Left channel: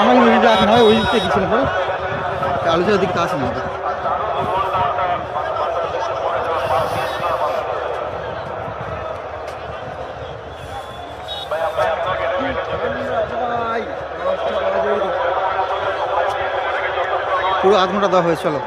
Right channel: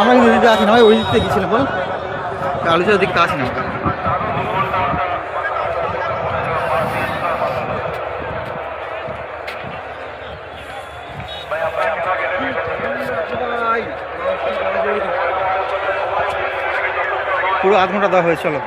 আমার ওইদিকে আসি না, ওই দিকে দিচ্ছিলাম বলো, আলোচনার দিকটা আসি না। পুরো 8 ঘন্টা দেওয়া হয়েছে, চলো।